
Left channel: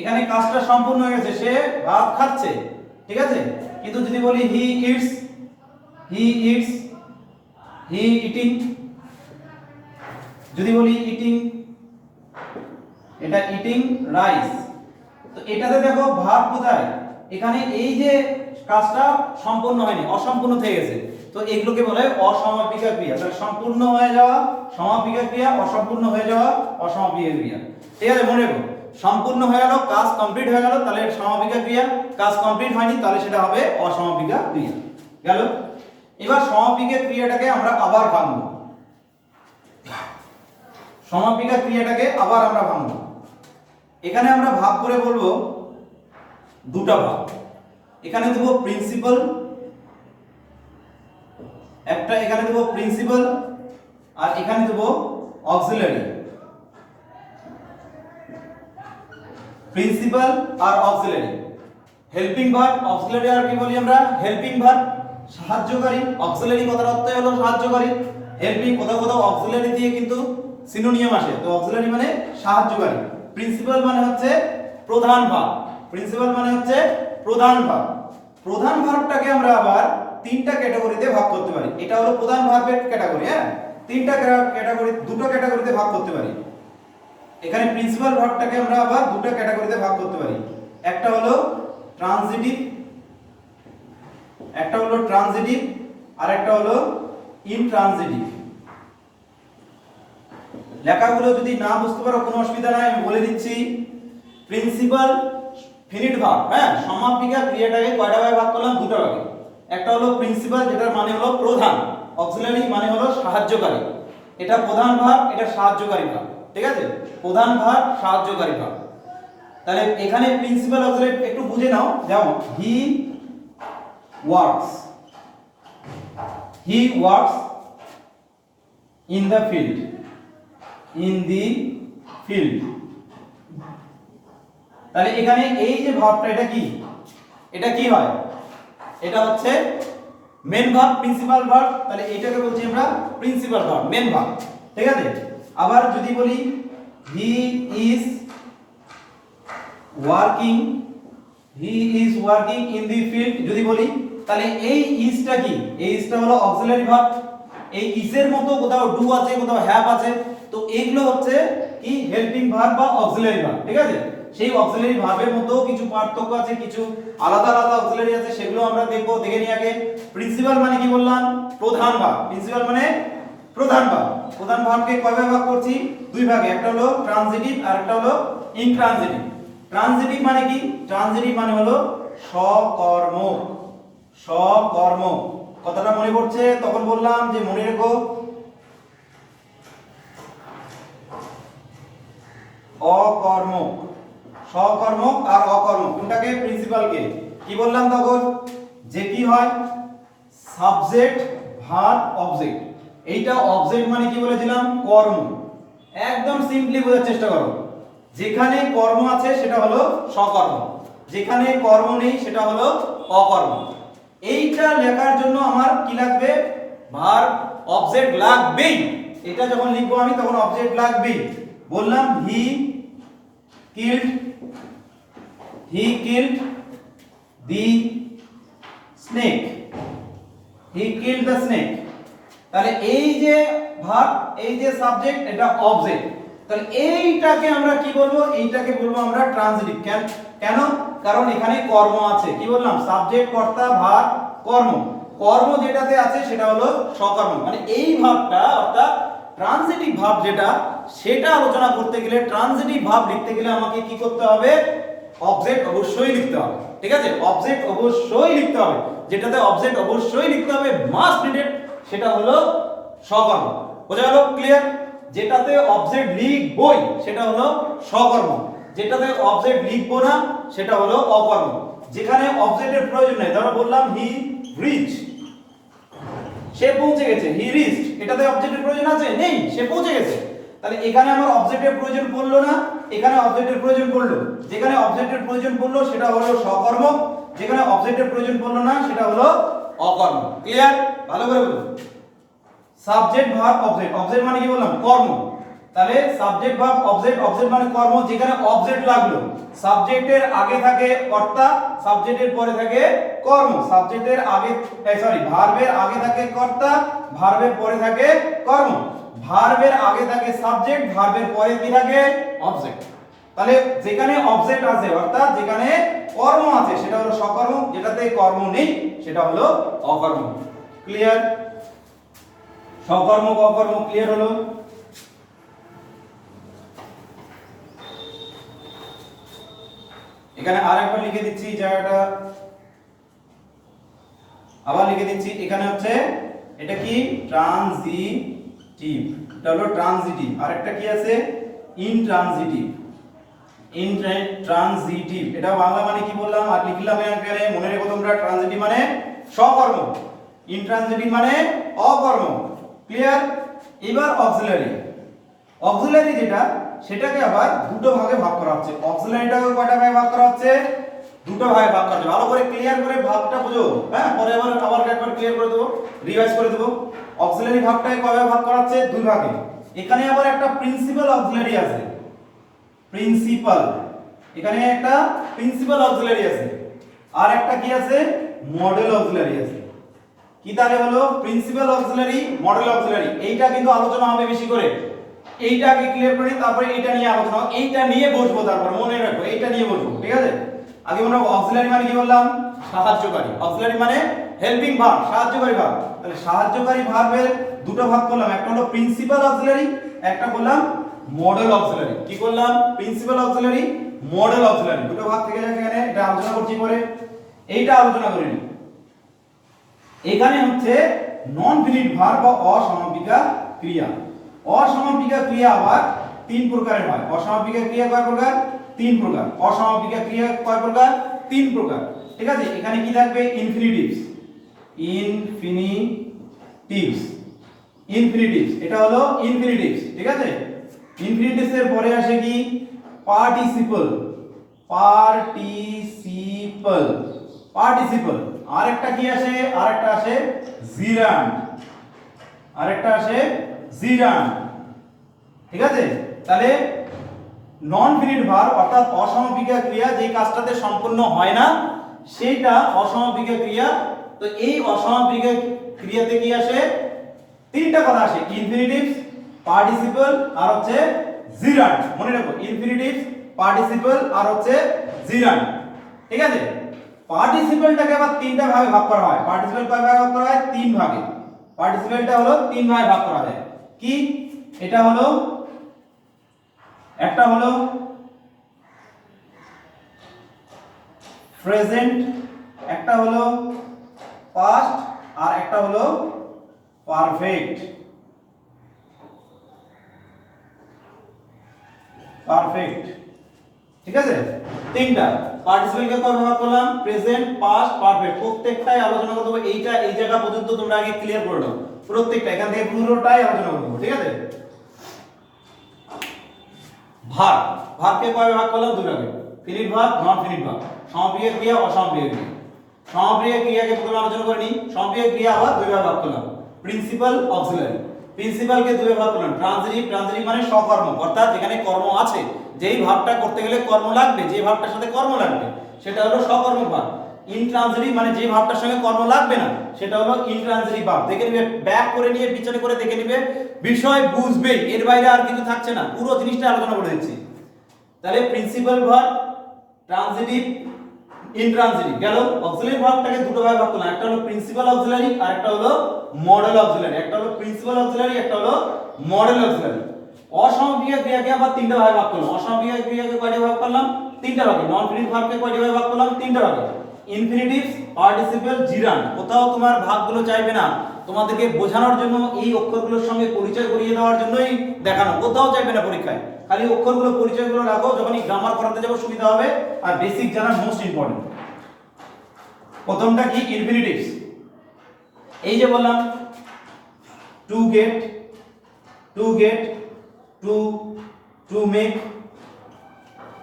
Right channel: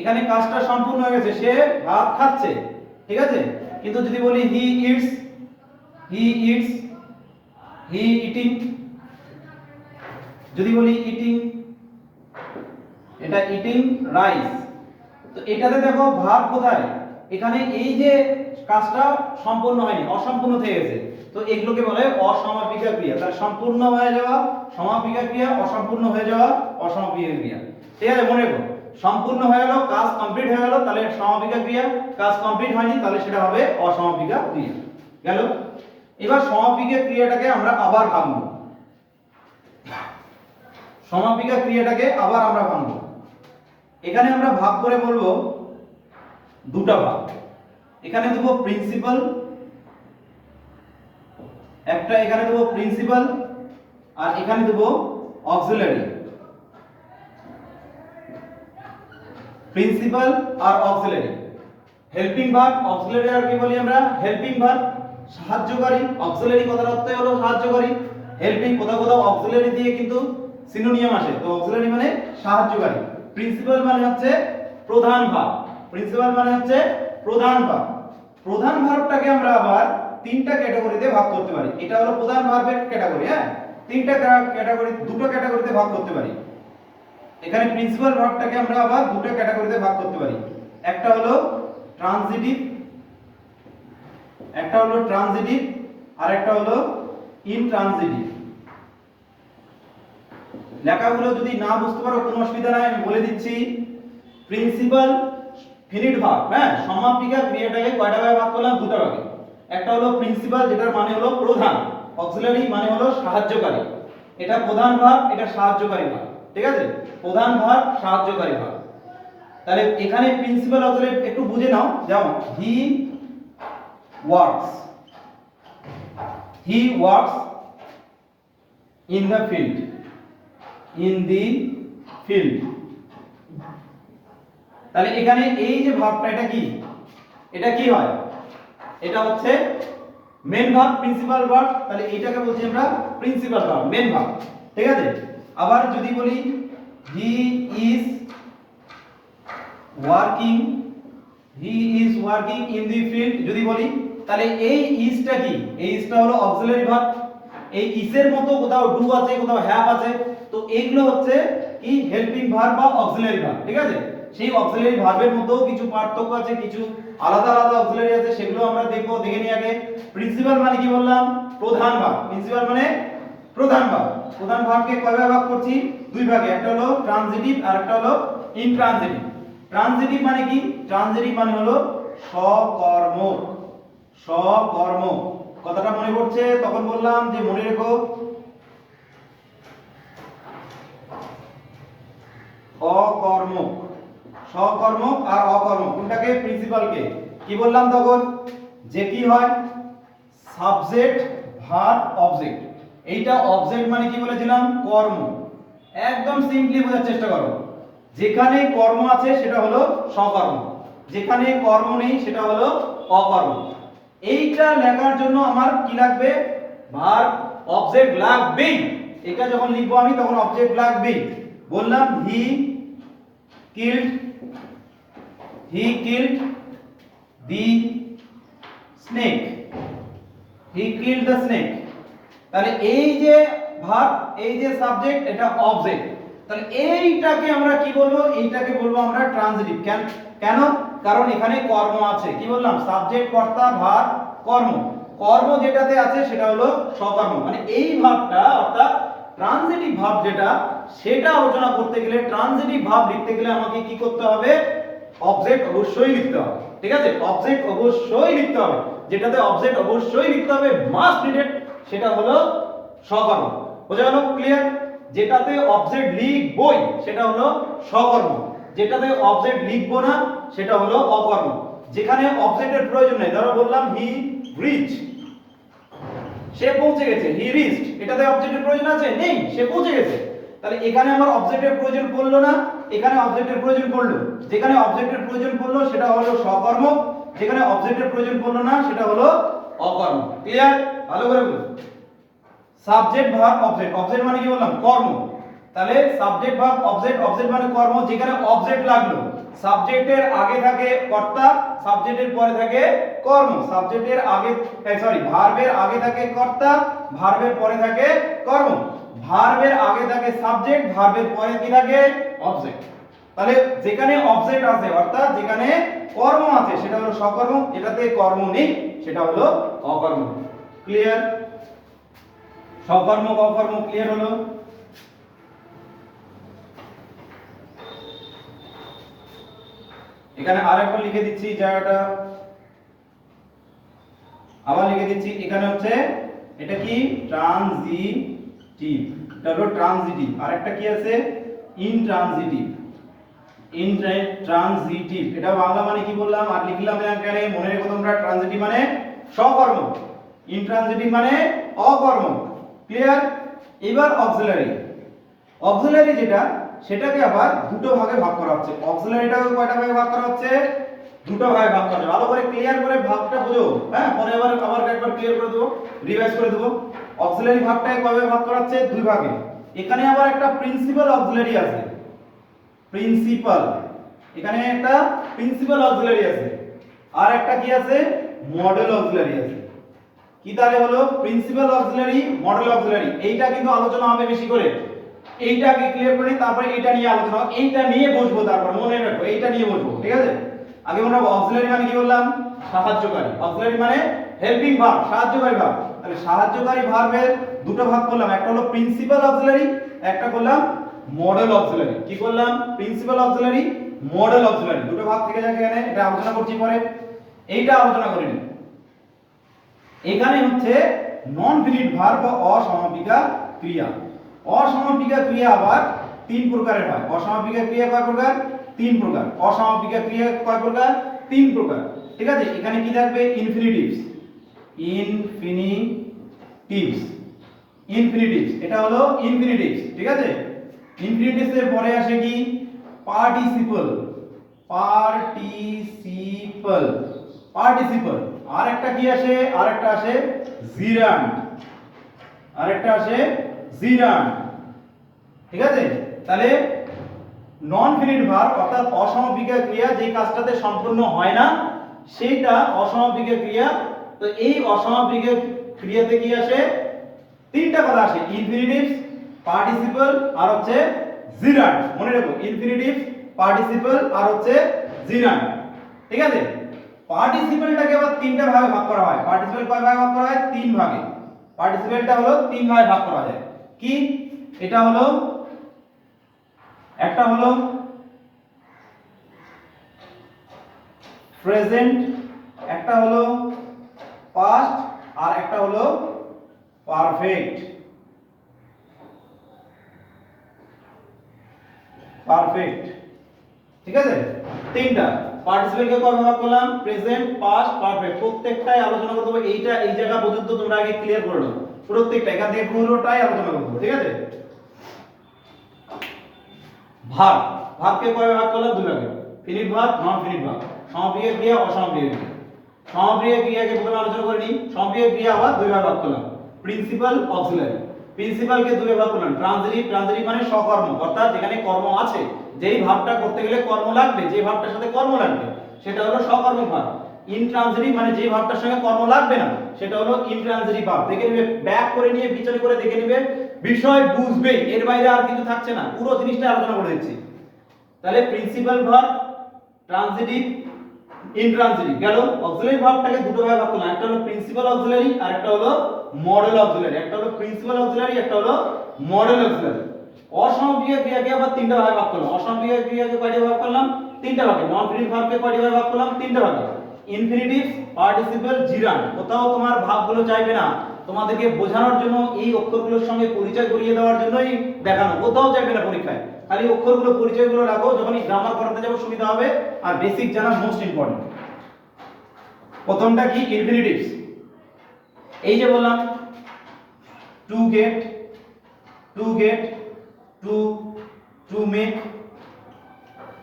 এখানে কাজটা সম্পূর্ণ হয়ে গেছে, সে ভাত খাচ্ছে। ঠিক আছে? কিন্তু যদি বলি he eats he eats he eating যদি বলি ইটিং এটা ইটিং রাইস তো এটাতে দেখো ভাত কোথায়? এখানে এই যে কাজটা সম্পূর্ণ হয়নি, অসম্পূর্ণ থেকে গেছে। তো এগুলোকে বলে অসমাপিকা ক্রিয়া তাহলে সম্পূর্ণ হয়ে যাওয়া সমাপিকা ক্রিয়া অসম্পূর্ণ হয়ে যাওয়া অসমাপিকা ক্রিয়া ঠিক আছে, মনে রেখো। সম্পূর্ণ হয়ে গেল, কাজ কমপ্লিট হয়ে গেল, তাহলে সমাপিকা ক্রিয়া। কাজ কমপ্লিট হয়নি, তাহলে সেটা হবে অসমাপিকা ক্রিয়া। গেল? এবার সমাপিকা ক্রিয়াটাকে আমরা আবার ভাঙবো। সমাপিকা ক্রিয়াটাকে আবার আমরা ভাঙবো। এখানে আমরা ভাগ করে বলব দুটা ভাগ। এখানে দেবো প্রিন্সিপাল একটা এখানে দেবো প্রিন্সিপাল আর এখানে দেবো অক্সিলারি প্রিন্সিপাল আর অক্সিলারি হেল্পিং ভার্ব অক্সিলারি আর কি বলি আমরা? হেল্পিং ভার্ব সাহায্যকারী অক্সিলারি কথার অর্থই হলো সাহায্যকারী। হেল্পিং কোথাও কোথাও অক্সিলারি দিয়ে কিন্তু সিনোনিয়াম আসে। তো অক্সিলারি মানে সাহায্যকারী। প্রিন্সিপাল মানে হচ্ছে প্রধান ভার্ব প্রিন্সিপাল মানে হচ্ছে প্রধান ভার্ব প্রধান ভার্বটাকে আমরা আবার তিনটা ক্যাটাগরিতে ভাগ করতে পারি। এটা হলো প্রধান ভার্বের ক্যাটাগরি হ্যাঁ? তিনটা ক্যাটাগরি দুটো ক্যাটাগরিতে ভাগ করতে পারি। এখানে প্রিন্সিপাল ভার্বটাকে আমরা আবার দুটো ক্যাটাগরিতে ভাগ করতে পারি। একটা হলো ট্রানজিটিভ একটা হলো ট্রানজিটিভ আর একটা হলো ইনট্রানজিটিভ লেখাগুলো যদি না বুঝতে পারো, কোনো অসুবিধা নাই, আমি বলে দিচ্ছি। প্রিন্সিপাল ফিনিট ভার্ব হ্যাঁ? সমাপিকা ক্রিয়াটাকে কয়টা ভাগে ভাগ করলাম? দুটো ভাগে। একটা হলো প্রিন্সিপাল যেটার মানে হলো প্রধান। অক্সিলারি মানে হলো সাহায্যকারী। এটা প্রধান ভার্ব এটা সাহায্যকারী ভার্ব ঠিক আছে? প্রধান ভার্ব সাহায্যকারী ভার্ব তাহলে এখানে প্রিন্সিপাল অক্সিলারি একটু বুঝে নাও যাও he works he works in the field in the field তাহলে এখানে এই যে ভাবটা, এটা কি? এটা কি হয়? এটা হচ্ছে মেন ভার্ব প্রিন্সিপাল ভার্ব তাহলে এইটাকে বলছি আমরা প্রিন্সিপাল ভার্ব মেন ভার্ব ঠিক আছে? আবার যদি বলি he is working he is working in the field যদি বলি, তাহলে এই ইজটা কি? এই ইজটা হলো অক্সিলারি ভার্ব এই ইজের মতো কোথাও ডু আছে, কোথাও হ্যাভ আছে, তো এইগুলো হচ্ছে কি? হেল্পিং ভার্ব বা অক্সিলারি ভার্ব ঠিক আছে? সেই অক্সিলারি ভার্বের মধ্যেও কিছু পার্থক্য আছে, কিছু আলাদা আলাদা অক্সিলারি আছে, সেগুলো আমরা দেখব, দেখে নিই আগে। প্রিন্সিপাল মানে কি বললাম? প্রধান ভার্ব প্রিন্সিপাল মানে প্রধান ভার্ব প্রধান ভার্বকে কয় ভাগে করছি? দুই ভাগে। একটা হলো ট্রানজিটিভ আর একটা হলো ইনট্রানজিটিভ ট্রানজিটিভ মানে কি? ট্রানজিটিভ মানে হলো সকর্ম সকর্ম কথাটা মনে পড়ছে? তখন বললাম যে মনে রেখো, অকর্ম। সকর্ম আর অকর্ম। কোনটাকে? প্রিন্সিপালকে কি বললাম তখন? যে কি হয়? সাবজেক্ট ভার্ব অবজেক্ট এইটা অবজেক্ট মানে কি বলেছিলাম কর্ম। একদম সিম্পলি বোঝার চেষ্টা করো। যেখানে কর্ম আছে, সেটা হলো সকর্ম যেখানে কর্ম নেই, সেটা হলো অকর্ম। এইটা লেখার জন্য আমার কি লাগবে? ভার্ব অবজেক্ট লাগবেই। এটা যখন লিখব আমি, তখন অবজেক্ট লাগবেই। বললাম he killed he killed the snake he killed the snake তাহলে এই যে ভার্ব এই যে সাবজেক্ট, এটা অবজেক্ট তাহলে এইটাকে আমরা কি বলব? এইটাকে বলব আমরা ট্রানজিটিভ কেন? কেন? কারণ এখানে কর্ম আছে। কি বললাম? সাবজেক্ট কর্তা ভার্ব কর্ম। কর্ম যেটাতে আছে সেটা হলো সকর্ম। মানে এই ভাবটা, অর্থাৎ ট্রানজিটিভ ভাব যেটা, সেটা আলোচনা করতে গেলে ট্রানজিটিভ ভাব লিখতে গেলে আমাকে কি করতে হবে? অবজেক্ট অবশ্যই লিখতে হবে। ঠিক আছে? অবজেক্ট অবশ্যই লিখতে হবে। যেটাতে অবজেক্ট অবশ্যই লিখতে হবে মাস্ট নিডেড সেটা হলো সকর্ম বোঝা গেল? ক্লিয়ার যেটাতে অবজেক্ট লিখবই, সেটা হলো সকর্ম যেটাতে অবজেক্ট লিখব না, সেটা হলো অকর্ম। যেখানে অবজেক্টের প্রয়োজন নেই, ধরো বললাম হি রিচ সে পৌঁছে গেছে হি রিচ এটাতে অবজেক্টের প্রয়োজন আছে? নেই, সে পৌঁছে গেছে। তাহলে এখানে আমার অবজেক্টের প্রয়োজন পড়ল না, এখানে অবজেক্টের প্রয়োজন পড়ল। যেখানে অবজেক্টের প্রয়োজন পড়ল, সেটা হলো সকর্ম যেখানে অবজেক্টের প্রয়োজন পড়ল না, সেটা হলো অকর্ম। ক্লিয়ার ভালো করে বলুন। সাবজেক্ট ভার্ব অবজেক্ট অবজেক্ট মানে কি বললাম? কর্ম। তাহলে সাবজেক্ট ভার্ব অবজেক্ট অবজেক্ট মানে কর্ম। যেখানে অবজেক্ট লাগল। সাবজেক্টের আগে থাকে কর্তা সাবজেক্টের পরে থাকে কর্ম। সাবজেক্টের আগে সরি ভার্বের আগে থাকে কর্তা ভার্বের পরে থাকে কর্ম। ভার্বের আগে থাকে সাবজেক্ট ভার্বের পরে কি থাকে? অবজেক্ট তাহলে যেখানে অবজেক্ট আছে, অর্থাৎ যেখানে কর্ম আছে, সেটা হলো সকর্ম যেটাতে কর্ম নেই, সেটা হলো অকর্ম। ক্লিয়ার সকর্ম অকর্ম ক্লিয়ার হলো? এখানে আর একবার লিখে দিচ্ছি জায়গাটা। আবার লিখে দিচ্ছি, এখানে হচ্ছে, এটা কি? ট্রানজিটিভ। এটা হলো ট্রানজিটিভ। আরেকটা কি আছে? ইনট্রানজিটিভ। ইনট্রানজিটিভ এটা বাংলা মানে কি বললাম? আর লিখলাম এখানে, মনে রেখো তোমরা, ট্রানজিটিভ মানে সকর্ম ইনট্রানজিটিভ মানে অকর্ম ক্লিয়ার এবার অক্সিলারি অক্সিলারি যেটা, সেটাকে আবার দুটো ভাগে ভাগ করা হচ্ছে। অক্সিলারিটাকে কয়টা ভাগে ভাগ করা হচ্ছে? দুটো ভাগে ভাগ করা ভালো করে ক্লিয়ার করে ভাগটা বুঝো। হ্যাঁ পরে আবার আবার একবার ক্লিয়ার করে দেবো রিভাইজ করে দেবো। অক্সিলারি ভাগটাকে কয় ভাগে ভাগ করা হচ্ছে? দুই ভাগে। এখানে আবার একটা প্রিন্সিপাল অক্সিলারি আছে। প্রিন্সিপাল এখানে একটা প্রিন্সিপাল অক্সিলারি আছে। আর একটা কি আছে? মডেল অক্সিলারি আছে। কি তাহলে হলো প্রিন্সিপাল অক্সিলারি মডেল অক্সিলারি এইটা কিন্তু আলোচনা হবে বেশি করে। এইটাকে ক্লিয়ার করে তারপরে এইটা নিয়ে আলোচনা এইটা নিয়ে বসবো তারপর, মনে রাখো এইটা নিয়ে বসবো, ঠিক আছে? আগে আমরা অক্সিলারি মানে কি বললাম? সাহায্যকারী। অক্সিলারি মানে হেল্পিং ভার্ব সাহায্যকারী ভার্ব তাহলে সাহায্যকারী ভার্বের দুটো ভাগ করলাম। একটা হলো প্রিন্সিপাল অক্সিলারি একটা করলাম মডেল অক্সিলারি কি করলাম? প্রিন্সিপাল অক্সিলারি মডেল অক্সিলারি দুটো ভাগ থেকে যাচ্ছে এখানে, এটা আলোচনা করছি পরে। এইটা আলোচনা করিনি এখানে হচ্ছে নন ফিনিট ভার বা অসমাপিকা ক্রিয়া। অসমাপিকা ক্রিয়া আবার তিন প্রকারের হয়। অসমাপিকা ক্রিয়া কয় প্রকার? তিন প্রকার। অসমাপিকা ক্রিয়া কয় প্রকার? তিন প্রকার। ঠিক আছে? এখানে কি থাকবে? ইনফিনিটিভস ইনফিনিটিভস ইনফিনিটিভস এটা হলো ইনফিনিটিভস ঠিক আছে? ইনফিনিটিভস এর পরে আসে কি? পার্টিসিপল পার্টিসিপল পার্টিসিপল আর একটা কি আসে? আর একটা আসে জিরান্ড আর একটা আসে জিরান্ড ঠিক আছে? তাহলে নন ফিনিট ভার অর্থাৎ অসমাপিকা ক্রিয়া যে কাজটাতে সম্পূর্ণ হয় না, সেইটা অসমাপিকা ক্রিয়া। তো এই অসমাপিকা ক্রিয়াতে কি আসে? তিনটা কথা আসে। ইনফিনিটিভস পার্টিসিপল আর হচ্ছে জিরান্ড মনে রাখো ইনফিনিটিভস পার্টিসিপল আর হচ্ছে জিরান্ড ঠিক আছে? পার্টিসিপলটাকে আবার তিনটা ভাগে ভাগ করা হয়। পার্টিসিপল কয় ভাগে ভাগ করা হয়? তিন ভাগে। পার্টিসিপলটা হলো তিন ভাগে ভাগ করা যায় কি? এটা হলো, একটা হলো প্রেজেন্ট একটা হলো পাস্ট আর একটা হলো পারফেক্ট পারফেক্ট ঠিক আছে? তিনটা। পার্টিসিপেন্টকে কয় ভাগ করলাম? প্রেজেন্ট পাস্ট পারফেক্ট প্রত্যেকটাই আলোচনা করতে হবে। এইটা এই জায়গা পর্যন্ত তোমরা আগে ক্লিয়ার করে নাও। প্রত্যেকটা। এখান থেকে পুরোটাই আলোচনা করব ঠিক আছে? ভাগ। ভাগকে কয় ভাগ করলাম? দুই ভাগে। ফিনিট ভাগ নন ফিনিট ভাগ। সমাপিয় ক্রিয়া অসমাপিয় ক্রিয়া। সমাপিয় ক্রিয়াকে প্রথমে আলোচনা করে নিই। সমাপিয় ক্রিয়া আবার দুই ভাগে ভাগ করলাম। প্রিন্সিপাল অক্সিলারি প্রিন্সিপালকে দুই ভাগ করলাম ট্রানজিটিভ ট্রানজিটিভ মানে সকর্ম অর্থাৎ যেখানে কর্ম আছে, যেই ভাবটা করতে গেলে কর্ম লাগবে যে ভাবটার সাথে কর্ম লাগবে, সেটা হলো সকর্ম ভাব। ইনট্রানজিটিভ মানে যে ভাবটার সঙ্গে কর্ম লাগবে না, সেটা হলো ইনট্রানজিটিভ ভাব। দেখে নিবে ব্যাক করে নিয়ে বিচার করে দেখে নিবে, বিষয় বুঝবে, এর বাইরে আর কিছু থাকছে না, পুরো জিনিসটা আলোচনা করে দিচ্ছি। তাহলে প্রিন্সিপাল ভার্ব ট্রানজিটিভ ইনট্রানজিটিভ গেল অক্সিলারি ভাবটাকে দুটো ভাগে ভাগ করলাম, একটা হলো প্রিন্সিপাল অক্সিলারি আর একটা হলো মডেল অক্সিলারি একটা হলো প্রিন্সিপাল অক্সিলারি একটা হলো মডেল অক্সিলারি অসমাপিকা ক্রিয়াকে আবার তিনটা ভাগে ভাগ করলাম। অসমাপিকা ক্রিয়াকে কয়টি ভাগ করলাম? তিনটা ভাগে। নন ফিনিট ভার্বকে কয়টি ভাগে ভাগ করলাম? তিনটা ভাগে। ইনফিনিটিভস পার্টিসিপল জিরান কোথাও তোমার ভাগগুলো চাইবে না। তোমাদেরকে বোঝানোর জন্য এই অক্ষরগুলোর সঙ্গে পরিচয় করিয়ে দেওয়ার জন্যই দেখানো। কোথাও চাইবে না পরীক্ষায়। খালি অক্ষরগুলো, পরিচয়গুলো রাখো, যখনই গ্রামার করাতে যাব সুবিধা হবে। আর বেসিক জানা মোস্ট ইম্পর্টেন্ট প্রথমটা কি? ইনফিনিটিভস এই যে বললাম to get to get to to make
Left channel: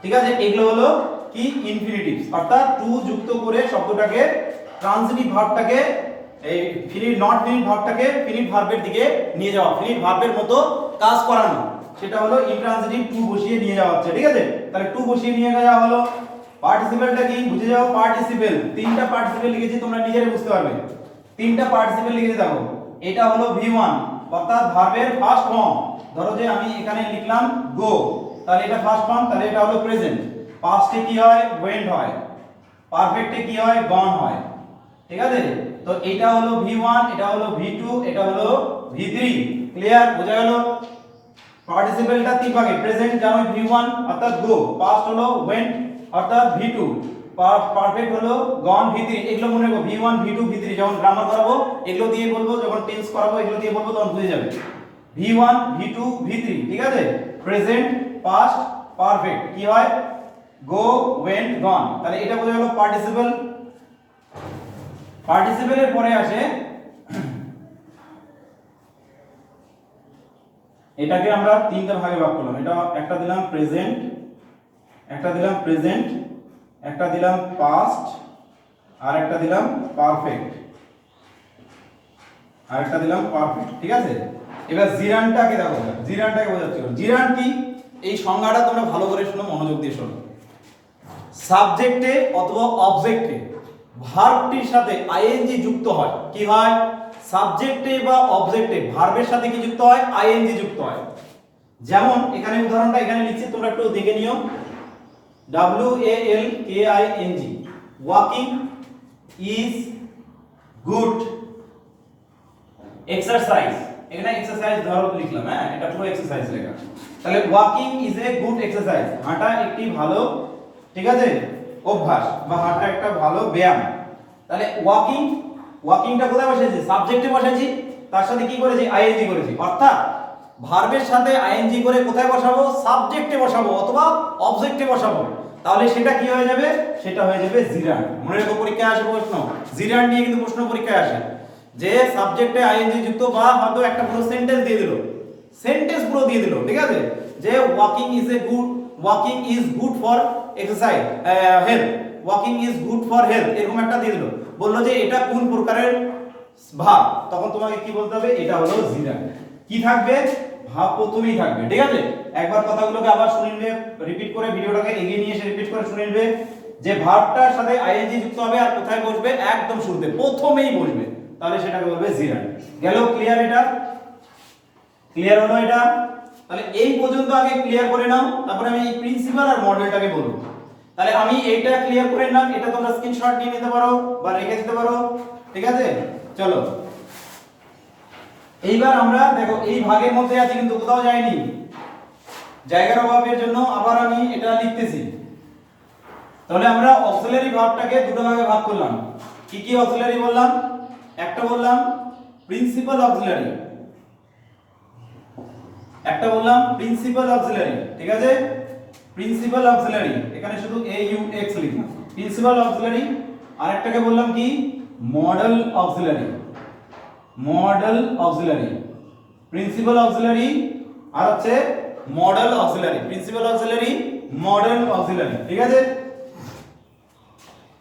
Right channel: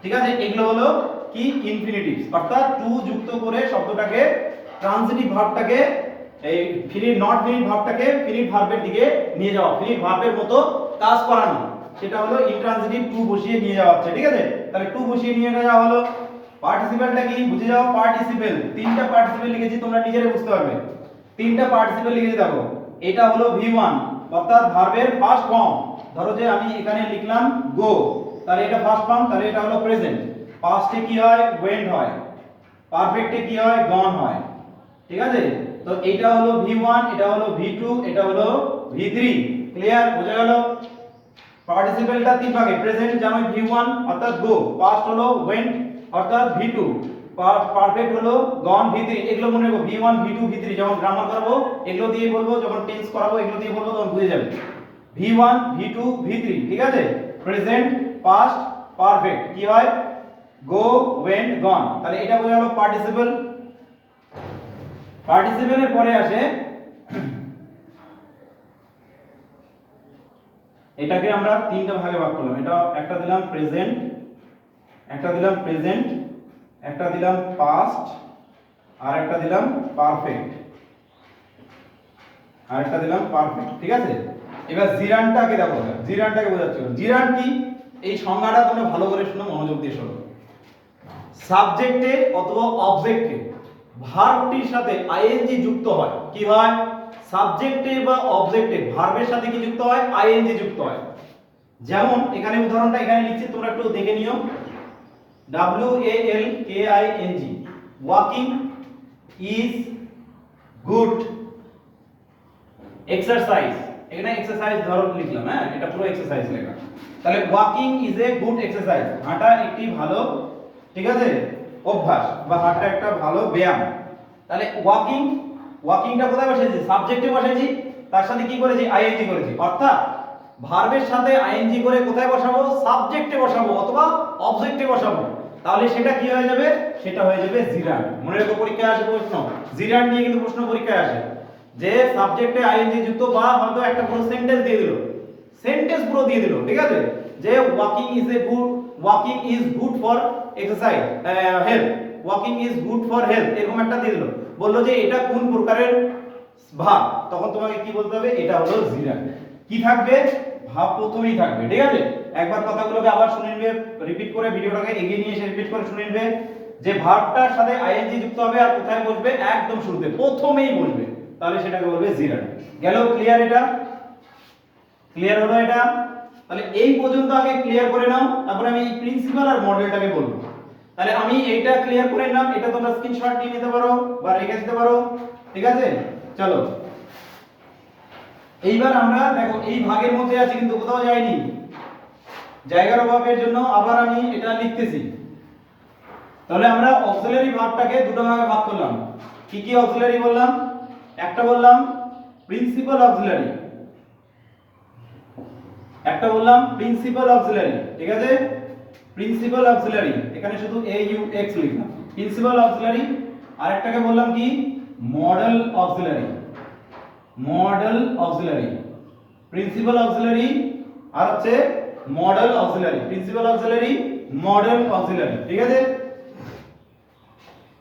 ঠিক আছে? এগুলো হলো কি? ইনফিনিটিভস অর্থাৎ টু যুক্ত করে শব্দটাকে ট্রানজিটিভ ভার্বটাকে এই ফিনিট নট ফিনিট ভার্বটাকে ফিনিট ভার্বের দিকে নিয়ে যাওয়া ফিনিট ভার্বের মতো কাজ করানো। সেটা হলো ইনট্রানজিটিভ টু বসিয়ে নিয়ে যাওয়া হচ্ছে, ঠিক আছে? তাহলে টু বসিয়ে নিয়ে যাওয়া হলো। পার্টিসিপেলটা কি? বুঝে যাও পার্টিসিপেল তিনটা পার্টিসিপেল লিখেছি, তোমরা নিজেরাই বুঝতে পারবে। তিনটা পার্টিসিপেল লিখেছি দেখো এটা হলো ভি1 অর্থাৎ ভার্বের ফার্স্ট ফর্ম ধরো যে আমি এখানে লিখলাম গো তাহলে এটা ফার্স্ট ফর্ম তাহলে এটা হলো প্রেজেন্ট পাস্টে কি হয়? ওয়েন্ট হয়। পারফেক্টে কি হয়? গন হয়। ঠিক আছে? তো এটা হলো ভি1 এটা হলো ভি2 এটা হলো ভি3 ক্লিয়ার বোঝা গেল? পার্টিসিপেলটা তিন ভাগে। প্রেজেন্ট যেমন ভি1 অর্থাৎ গো পাস্ট হলো ওয়েন্ট অর্থাৎ ভি2 পারফেক্ট হলো গন ভি3 এগুলো মনে রাখো ভি1 ভি2 ভি3 যখন গ্রামার করাবো, এগুলো দিয়ে বলব, যখন টেন্স করাবো, এগুলো দিয়ে বলব, তখন বুঝে যাবে। ভি1 ভি2 ভি3 ঠিক আছে? প্রেজেন্ট পাস্ট পারফেক্ট কি হয়? গো ওয়েন্ট গন তাহলে এটা বোঝা গেল পার্টিসিপল পার্টিসিপলের পরে আসে, এটাকে আমরা তিনটা ভাগে ভাগ করলাম। এটা একটা দিলাম প্রেজেন্ট একটা দিলাম প্রেজেন্ট একটা দিলাম পাস্ট আর একটা দিলাম পারফেক্ট আর একটা দিলাম পারফেক্ট ঠিক আছে? এবার জিরানটাকে দেখো, জিরানটাকে বোঝাচ্ছি জিরান কি? এই সংজ্ঞাটা তোমরা ভালো করে শোনো মনোযোগ দিয়ে শোনো। সাবজেক্টে অথবা অবজেক্টে ভার্বটির সাথে আইএনজি যুক্ত হয়। কি হয়? সাবজেক্টে বা অবজেক্টে ভার্বের সাথে কি যুক্ত হয়? আইএনজি যুক্ত হয়। যেমন, এখানে উদাহরণটা এখানে লিখছি, তোমরা একটু দেখে নিও। W A L K I N G walking is good exercise এখানে এক্সারসাইজ ধরো লিখলাম হ্যাঁ? এটা পুরো এক্সারসাইজ লেখা। তাহলে walking is a good exercise হাঁটা একটি ভালো, ঠিক আছে? অভ্যাস বা হাঁটা একটা ভালো ব্যায়াম। তাহলে ওয়াকিং ওয়াকিংটা কোথায় বসাইছি? সাবজেক্টে বসাইছি। তার সাথে কি করেছি? আইএনজি করেছি। অর্থাৎ ভার্বের সাথে আইএনজি করে কোথায় বসাবো? সাবজেক্টে বসাবো অথবা অবজেক্টে বসাবো। তাহলে সেটা কি হয়ে যাবে? সেটা হয়ে যাবে জিরান। মনে রেখো পরীক্ষায় আসে প্রশ্ন। জিরান নিয়ে কিন্তু প্রশ্ন পরীক্ষায় আসে। যে সাবজেক্টে আইএনজি যুক্ত বা হয়তো একটা পুরো সেন্টেন্স দিয়ে দিল। সেন্টেন্স পুরো দিয়ে দিল, ঠিক আছে? যে walking is a good walking is good for exercise health walking is good for health এরকম একটা দিয়ে দিল। বলল যে এটা কোন প্রকারের ভাব? তখন তোমাকে কি বলতে হবে? এটা হলো জিরা কি থাকবে? ভাব প্রথমেই থাকবে, ঠিক আছে? একবার কথাগুলোকে আবার শুনে নেবে রিপিট করে ভিডিওটাকে এগিয়ে নিয়ে এসে রিপিট করে শুনে নেবে, যে ভার্বটার সাথে আইএনজি যুক্ত হবে আর কোথায় বসবে, একদম শুরুতে, প্রথমেই বসবে, তাহলে সেটাকে বলবে জিরান গেল ক্লিয়ার এটা? ক্লিয়ার হলো এটা? তাহলে এই পর্যন্ত আগে ক্লিয়ার করে নাও, তারপরে আমি এই প্রিন্সিপাল আর মডেলটাকে বলব। তাহলে আমি এইটা ক্লিয়ার করে নিলাম, এটা তোমরা স্ক্রিনশট নিয়ে নিতে পারো বা রেখে দিতে পারো, ঠিক আছে? চলো। এইবার আমরা দেখো, এই ভাগের মধ্যে আছি কিন্তু কোথাও যায়নি। জায়গার অভাবের জন্য আবার আমি এটা লিখতেছি। তাহলে আমরা অক্সিলারি ভাবটাকে দুটো ভাগে ভাগ করলাম। কি কি অক্সিলারি বললাম? একটা বললাম প্রিন্সিপাল অক্সিলারি একটা বললাম প্রিন্সিপাল অক্সিলারি ঠিক আছে? প্রিন্সিপাল অক্সিলারি এখানে শুধু এ ইউ এক্স লিখলাম। প্রিন্সিপাল অক্সিলারি আর একটাকে বললাম কি? Modal auxiliary modal auxiliary principal auxiliary আর হচ্ছে modal auxiliary principal auxiliary modal auxiliary ঠিক আছে?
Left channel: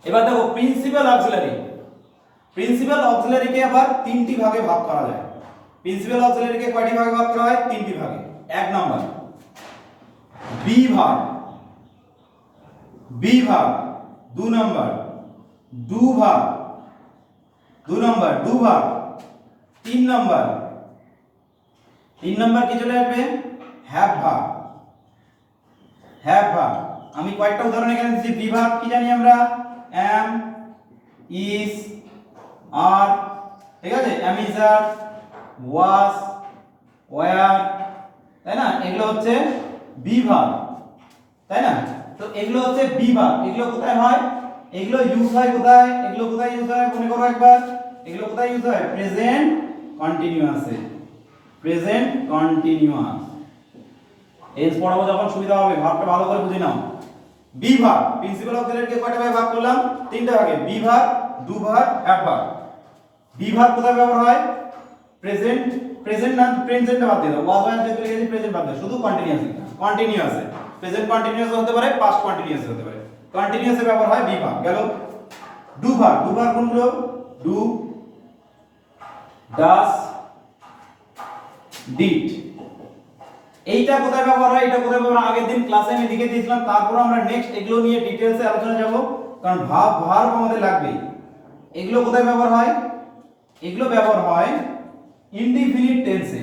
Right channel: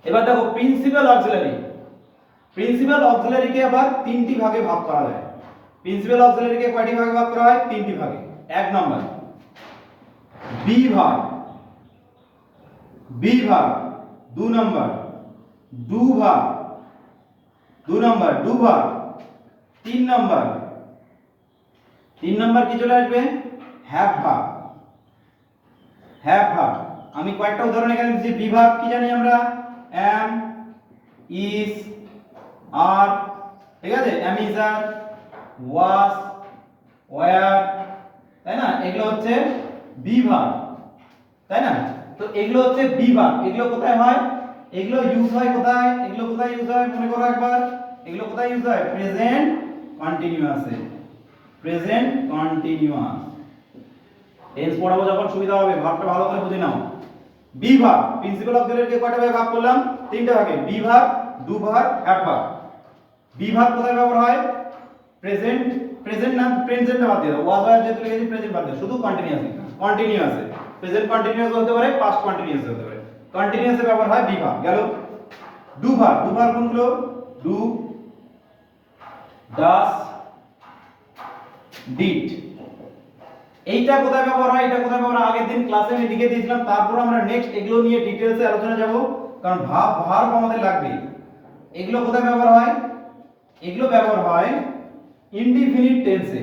এবার দেখো প্রিন্সিপাল অক্সিলারি প্রিন্সিপাল অক্সিলারিকে আবার তিনটি ভাগে ভাগ করা যায়। প্রিন্সিপাল অক্সিলারিকে কয়টি ভাগে ভাগ করা হয়? তিনটি ভাগে। এক নম্বর বি ভাগ বি ভাগ, দু নম্বর ডু ভাগ, দু নম্বর ডু ভাগ, তিন নম্বর। তিন নম্বর কি চলে আসবে? হ্যাভ ভাগ হ্যাভ ভাগ আমি কয়েকটা উদাহরণ এখানে দিচ্ছি বিভাগ কি জানি আমরা? Am is, are. ঠিক আছে? আর ওয়াস ওয়ার। তাই না? এগুলো হচ্ছে বিভাগ তাই না? তো এগুলো হচ্ছে বিভাগ এগুলো কোথায় হয়? এগুলো ইউজ হয় কোথায়? এগুলো কোথায় ইউজ হয়? মনে করো একবার। এগুলো কোথায় ইউজ হয়? প্রেজেন্ট কন্টিনিউয়াসে প্রেজেন্ট কন্টিনিউয়াস এস পড়াবো যখন সুবিধা হবে, ভাগটা ভালো করে বুঝে নাও। বিভাগ প্রিন্সিপাল অক্সিলারিকে কয়টা ভাগে ভাগ করলাম? তিনটা ভাগে। বিভাগ দুভাগ এক ভাগ। বিভাগ কোথায় ব্যবহার হয়? প্রেজেন্ট প্রেজেন্ট না প্রেজেন্ট বাদ দিয়ে দাও। ওয়াজ ওয়াজ লিখেছি প্রেজেন্ট বাদ দাও। শুধু কন্টিনিউয়াস কন্টিনিউয়াস প্রেজেন্ট কন্টিনিউয়াস হতে পারে পাস্ট কন্টিনিউয়াস হতে পারে। কন্টিনিউয়াস ব্যবহার হয় বি বিভাগ গেল। দুভাগ দুভাগ কোনগুলো? ডু ডাস ডিড এইটা কোথায় ব্যবহার হয় এটা কোথায় ব্যবহার আগের দিন ক্লাসে আমি লিখে দিয়েছিলাম, তারপর আমরা নেক্সট এগুলো নিয়ে ডিটেলসে আলোচনা যাব, কারণ ভাব ভার্ব আমাদের লাগবে এগুলো কোথায় ব্যবহার হয়? এগুলো ব্যবহার হয় ইনডিফিনিট টেন্সে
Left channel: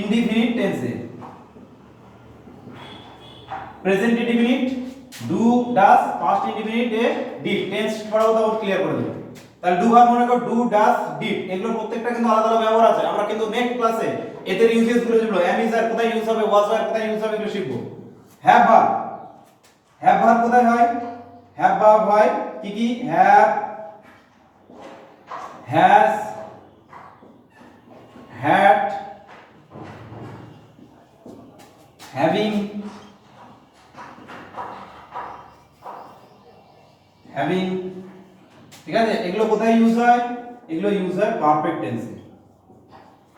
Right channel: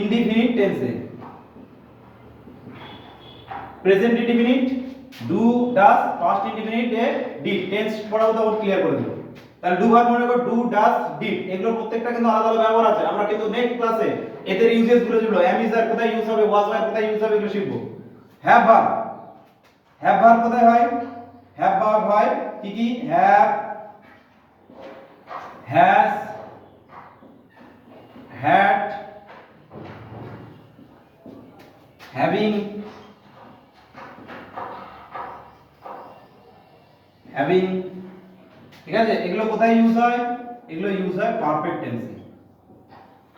ইনডিফিনিট টেন্সে present indefinite do does past indefinite E D tense পড়াবো তখন ক্লিয়ার করে দেবো তাহলে ডু ভার্ব মনে করো ডু ডাস ডিড এগুলো প্রত্যেকটা কিন্তু আলাদা আলাদা ব্যবহার আছে। আমরা কিন্তু নেক্সট ক্লাসে এদের ইউজেসগুলো যেগুলো এম ইজ আর কোথায় ইউজ হবে ওয়াজ আর কোথায় ইউজ হবে, এগুলো শিখব। হ্যাভ ভার্ব হ্যাভ ভার্ব কোথায় হয়? হ্যাভ ভার্ব হয় কি কি? Have has had having having ঠিক আছে? এগুলো কোথায় ইউজ হয়? এগুলো ইউজ হয় পারফেক্ট টেন্সে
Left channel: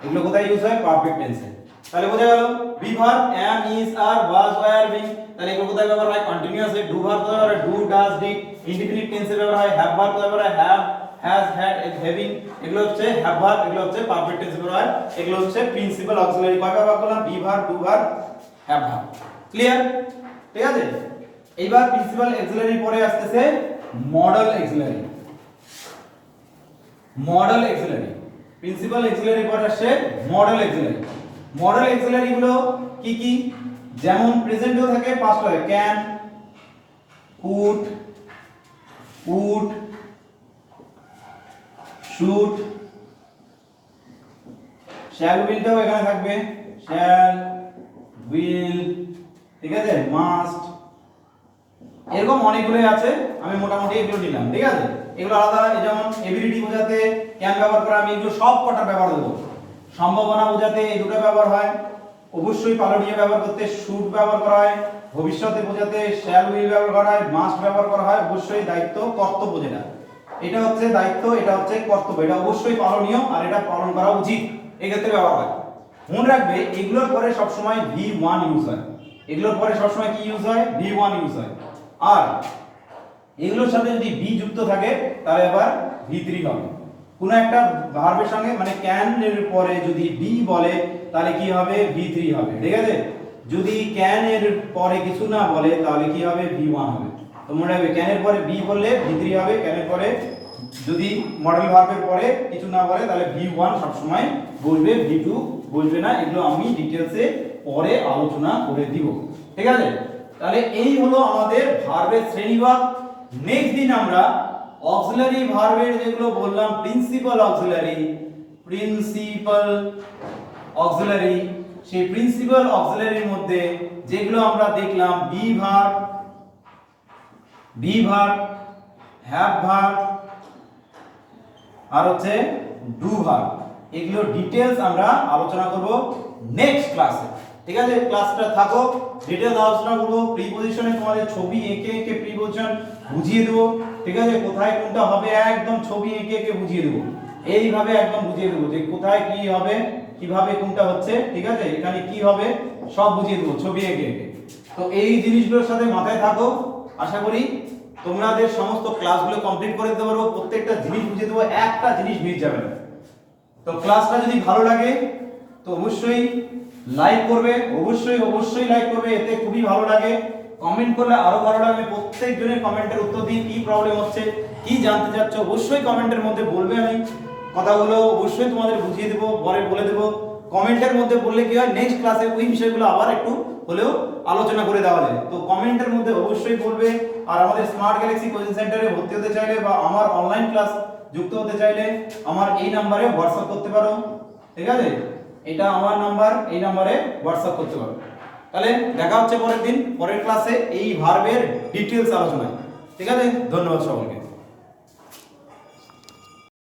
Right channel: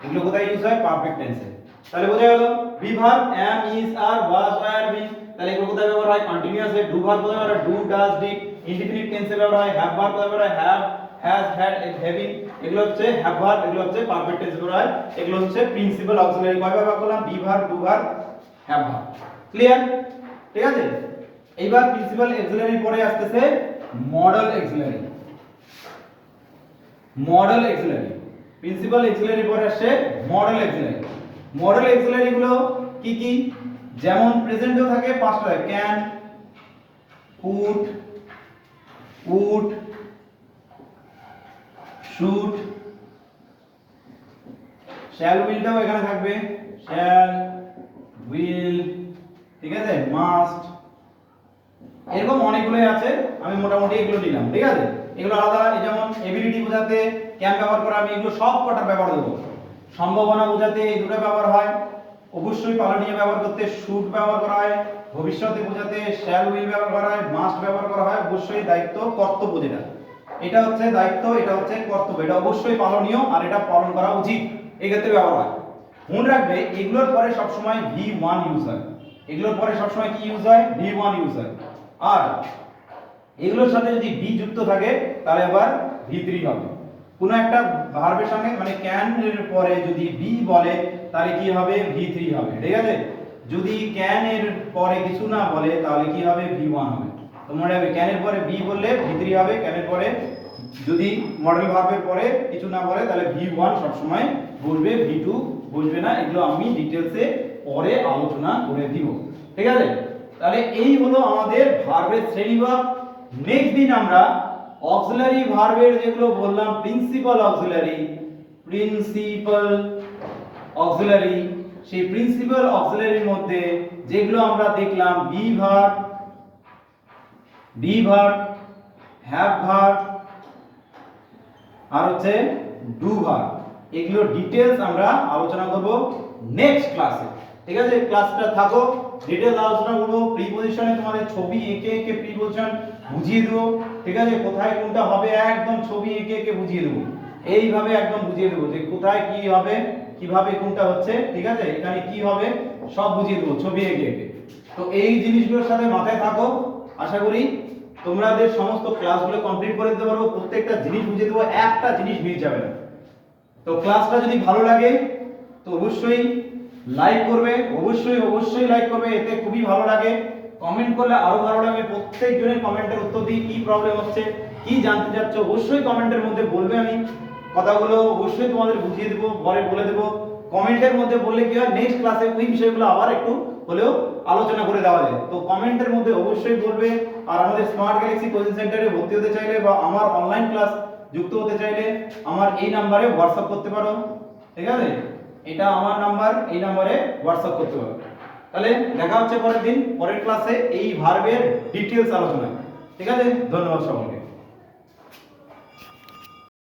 এগুলো কোথায় ইউজ হয়? পারফেক্ট টেন্সে তাহলে বোঝা গেল be verb am, is, are, was, were being তাহলে এগুলো কোথায় ব্যবহার হয়? কন্টিনিউয়াসে ডু ভার্ব কোথায় ব্যবহার হয়? ডু ডাজ ডিড ইনডিফিনিট টেন্সে ব্যবহার হয়। হ্যাভ ভার্ব কোথায় ব্যবহার হয়? হ্যাভ হ্যাজ হ্যাড হ্যাভিং এগুলো হচ্ছে হ্যাভ ভার্ব এগুলো হচ্ছে পারফেক্ট টেন্সে ব্যবহার হয়। এগুলো হচ্ছে প্রিন্সিপাল অক্সিলারি কয় ভাগ করলাম be verb do verb have verb clear ঠিক আছে? এইবার প্রিন্সিপাল অক্সিলারি পরে আসতেছে modal auxiliary modal auxiliary principal auxiliary পরে আসছে মডেল এক্সিলারি মডেল এক্সিলারি গুলো কি কি? যেমন প্রেজেন্টেও থাকে হয় can could would should shall উইলটাও এখানে থাকবে। শ্যাল উইল ঠিক আছে? মাস্ট এরকম অনেকগুলোই আছে, আমি মোটামুটি এগুলো নিলাম, ঠিক আছে? এগুলো আলাদা যেমন এবিলিটি বোঝাতে ক্যান ব্যবহার করা, আমি এগুলো সব কটার ব্যবহার দেবো। সম্ভাবনা বোঝাতে এই দুটো ব্যবহার হয়। অবশ্যই পালনীয় ব্যবহার করতে শুড ব্যবহার করা হয়। ভবিষ্যতে বোঝাতে শ্যাল উইল ব্যবহার করা হয় মাস্ট ব্যবহার করা হয়, অবশ্যই দায়িত্ব কর্তব্য যেটা। এটা হচ্ছে দায়িত্ব, এটা হচ্ছে কর্তব্য, এটা অবশ্যই পালনীয় আর এটা পালন করা উচিত। এই ক্ষেত্রে ব্যবহার হয়। মনে রাখবে, এগুলোর পরে সবসময় ভি ওয়ান ইউজ হয়। এগুলোর পরে সবসময় কি ইউজ হয়? ভি ওয়ান ইউজ হয়। আর এগুলোর সাথে যদি বি যুক্ত থাকে, তাহলে আবার ভি থ্রি হবে। কোন একটা ভার্বের সঙ্গে মানে ক্যান এর পরে যদি বি বলে, তাহলে কি হবে? ভি থ্রি হবে, ঠিক আছে? যদি ক্যান এর পরে কিছু না বলে, তাহলে কি হবে? ভি ওয়ান হবে। তো মনে রাখবে ক্যান এর পরে বি বললে ভি থ্রি হবে ক্যান এর পরে যদি মডেল ভার্বের পরে কিছু না বলে, তাহলে ভি ওয়ান সবসময় বসবে ভি টু বসবে না। এগুলো আমি ডিটেলসে পরে আলোচনা করে দিব। ঠিক আছে? তাহলে এই হলো আমাদের ভার্বের শ্রেণীভাগ নেক্সট দিন আমরা অক্সিলারি ভার্বের যেগুলো বললাম প্রিন্সিপাল অক্সিলারি প্রিন্সিপাল অক্সিলারি সেই প্রিন্সিপাল অক্সিলারির মধ্যে যেগুলো আমরা দেখলাম be verb be verb have verb আর হচ্ছে ডু ভার্ব এগুলো ডিটেলস আমরা আলোচনা করব নেক্সট ক্লাসে ঠিক আছে? ক্লাসটা থাকো ডিটেলস আলোচনা করব প্রিপজিশনে তোমাদের ছবি এঁকে এঁকে প্রিপজিশন বুঝিয়ে দেবো, ঠিক আছে? কোথায় কোনটা হবে? একদম ছবি এঁকে এঁকে বুঝিয়ে দেবো। এইভাবে একদম বুঝিয়ে দেবো যে কোথায় কি হবে, কীভাবে কোনটা হচ্ছে, ঠিক আছে? এখানে কি হবে, সব বুঝিয়ে দেবো ছবি এঁকে এঁকে। তো এই জিনিসগুলোর সাথে মাথায় থাকো। আশা করি তোমাদের সমস্ত ক্লাসগুলো কমপ্লিট করে দিতে পারব প্রত্যেকটা জিনিস বুঝিয়ে দেবো, একটা জিনিস মিস যাবে না। তো ক্লাসটা যদি ভালো লাগে, তো অবশ্যই লাইক করবে, অবশ্যই অবশ্যই লাইক করবে, এতে খুবই ভালো লাগে। কমেন্ট করলে আরও ভালো লাগবে প্রত্যেকজনের কমেন্টের উত্তর দিই, কি প্রবলেম হচ্ছে, কি জানতে চাচ্ছ, অবশ্যই কমেন্টের মধ্যে বলবে আমি। কথাগুলো অবশ্যই তোমাদের বুঝিয়ে দেবো, পরে বলে দেবো। কমেন্টের মধ্যে বললে কি হয় নেক্সট ক্লাসে ওই বিষয়গুলো আবার একটু হলেও আলোচনা করে দেওয়া যায়। তো কমেন্টের মধ্যে অবশ্যই বলবে। আর আমাদের স্মার্ট গ্যালাক্সি কোচিং সেন্টারে ভর্তি হতে চাইলে বা আমার অনলাইন ক্লাস যুক্ত হতে চাইলে, আমার এই নাম্বারে হোয়াটসঅ্যাপ করতে পারো। ঠিক আছে? এটা আমার নাম্বার এই নাম্বারে হোয়াটসঅ্যাপ করতে পারবে তাহলে দেখা হচ্ছে পরের দিন, পরের ক্লাসে এই ভার্বের ডিটেলস আলোচনা ঠিক আছে? ধন্যবাদ সকলকে।